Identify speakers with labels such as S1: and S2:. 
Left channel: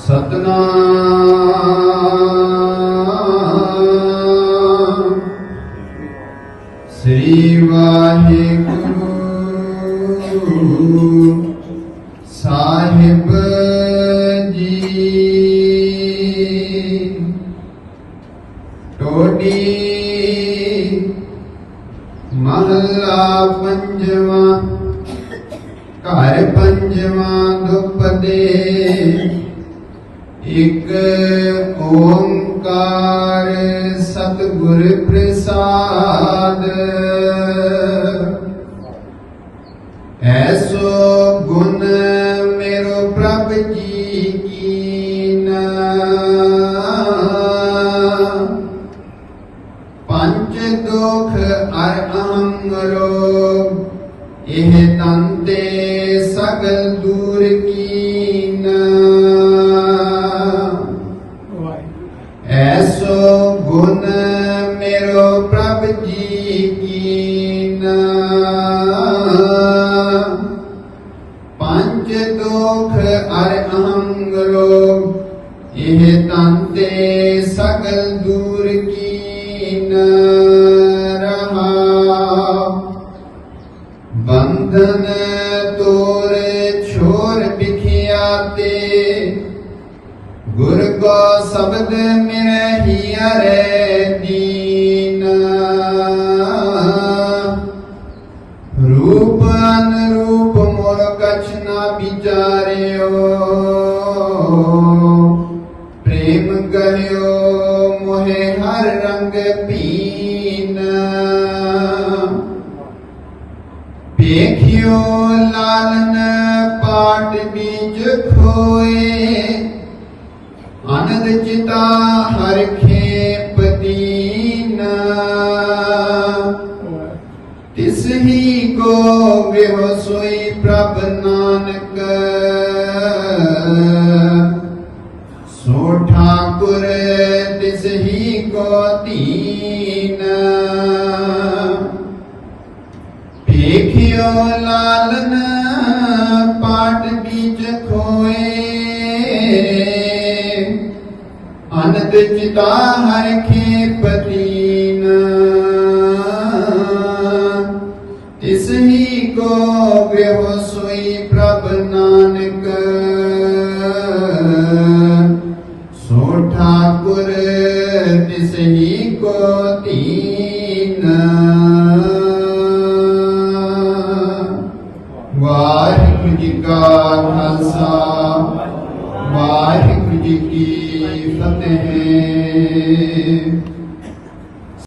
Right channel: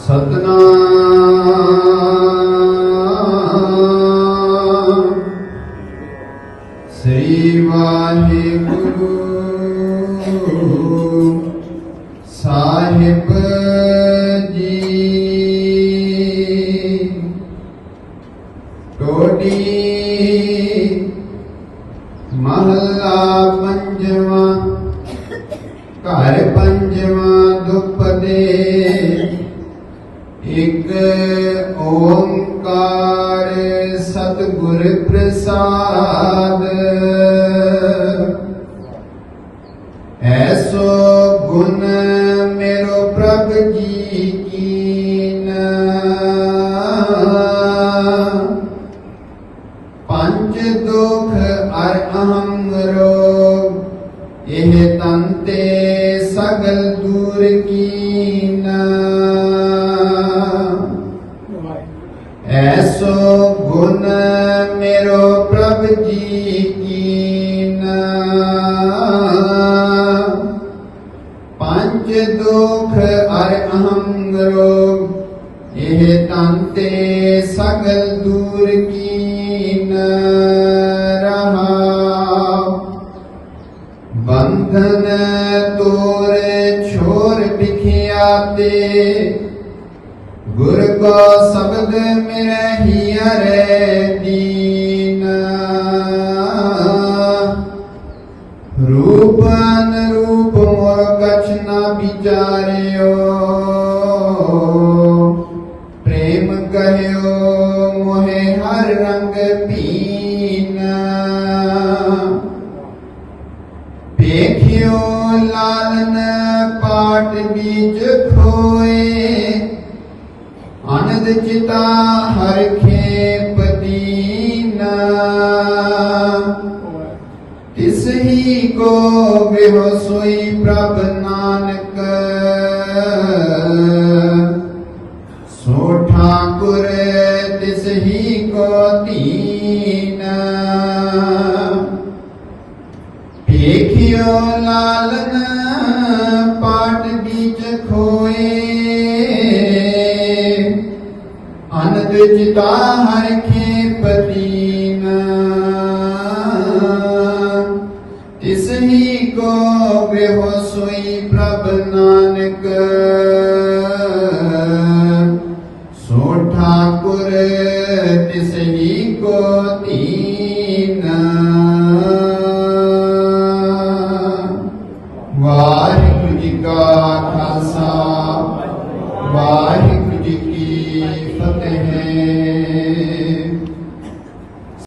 S1: ਸਤਨਾਮ ਸ੍ਰੀ ਵਾਹਿਗੁਰੂ ਸਾਹਿਬ ਜੀ ਟੋਡੀ ਮਹੱਲਾ ਪੰਜਵਾਂ ਘਰ ਪੰਜਵਾਂ ਦੁਪਦੇ ਇਕ ਓੰਕਾਰ ਸਤਿਗੁਰ ਪ੍ਰਸਾਦ। ਐਸੋ ਗੁਣ ਮੇਰੋ ਪ੍ਰਭ ਜੀ ਕੀਨ। ਪੰਜ ਦੁਖ ਅਰ ਅਹੰਗ ਰੋਗ ਇਹ ਤੰਤੇ ਸਗਲ ਦੂਰ ਕੀ पंच दुख अर अहंग रोग यह तंते सकल दूर कीन रहा बंधन तोर छोर बिखियाते, गुर को शब्द मिलहियर दीन। रूपन रूप मोर कछ न बिचारियो प्रेम कहो मोहे हर रंग पीना। देखियो लाल न पाट बीज खोए। आनंद चिता हर खे दीना। ਕੋ ਵਿਹ ਸੋਈ ਪ੍ਰਭ ਨਾਨਕ। ਸੋ ਠਾਕੁਰ ਤਿਸ ਹੀ ਕੋ ਦੀਨਾ। ਵੇਖਿਓ ਲਾਲਨ ਪਾਟ ਬੀਜ ਖੋਏ। ਅਨੰਦ ਚਿਤਾ ਹਰ ਸੋਈ ਪ੍ਰਭ ਨਾਨਕ ਸੋ ਠਾਕੁਰ ਤਿਸ ਹੀ ਕੋ ਦੀਨ ਵਾਹਿਗੁਰੂ ਜੀ ਕਾ ਖਾਲਸਾ ਵਾਹਿਗੁਰੂ ਜੀ ਕੀ ਫਤਿਹ